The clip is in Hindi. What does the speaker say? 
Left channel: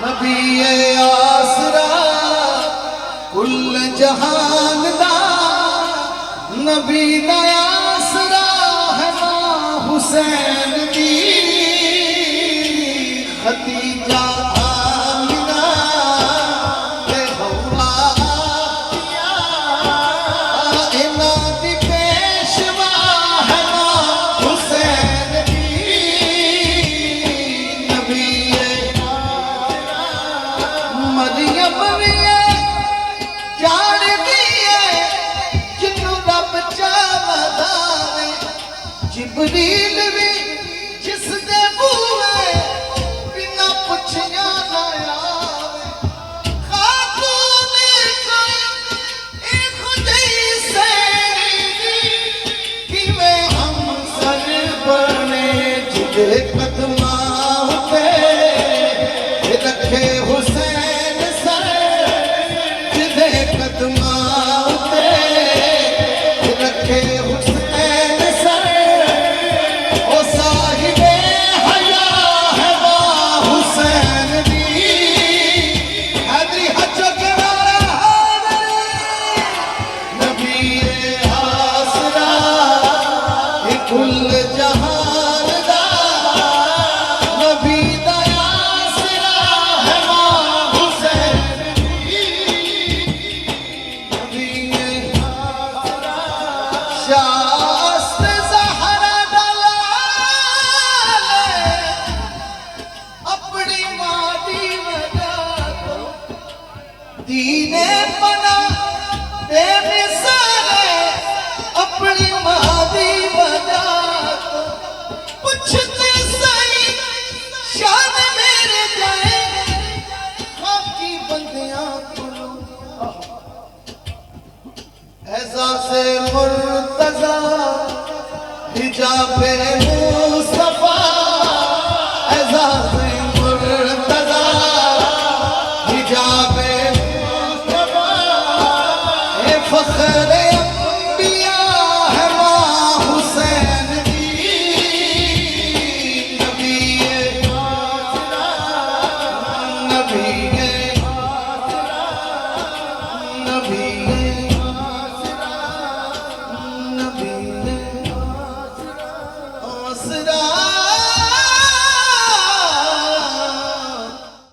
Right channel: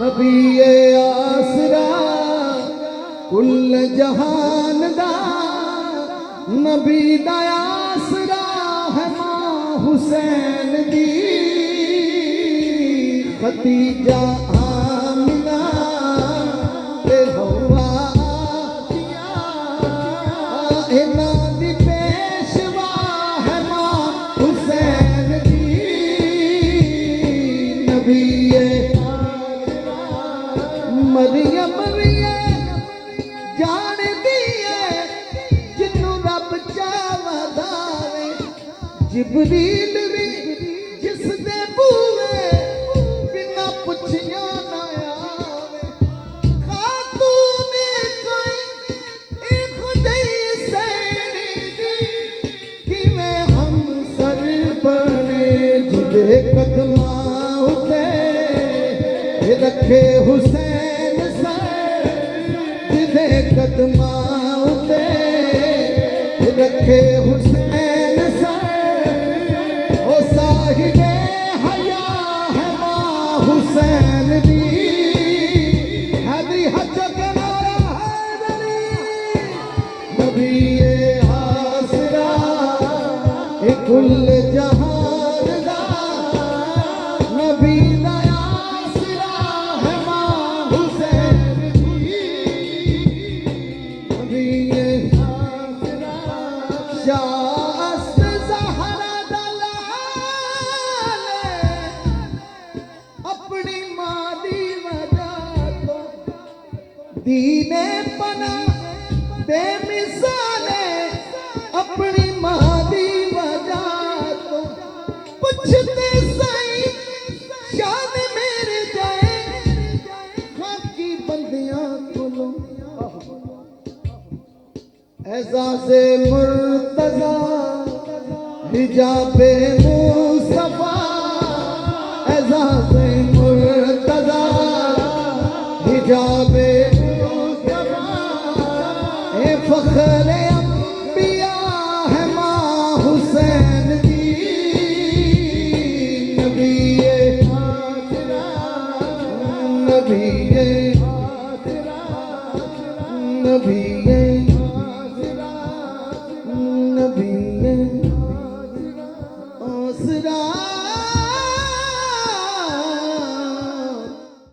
नबी आसरा कुल जहान दा नबी दा आसरा है मां हुसैन दी खदीजा आमिना ते हवा इना दी पेशवा है मां हुसैन दी नबी मरियम जान दिए जिन्नू रब चाहदा वे जिबरील भी जिस दे बूहे बिना पुछया ना आवे खातून कोई एक खुदाई सैदी किवें हम सर बने जिदे कदमां पे रखे हुसैन कदमां पे रखे हुसैन ओ साहिबे हया है मां हुसैन दी हैदरी हज करारा नबी आसरा कुल जहान दा नबी दा आसरा है मां हुसैन शास्त ज़हरा दलाल अपनी मादी वजह तो दीने पना दे मिसाले अपनी मादी वजह तो पूछते सही शान मेरे गए बाकी बंदियां को एहसासे मुर्तज़ा हिजाबे मुस्तफा एहसासे मुर्तज़ा हिजाबे मुस्तफा ये फख्र अंबिया है मां हुसैन दी नबी नबी नबी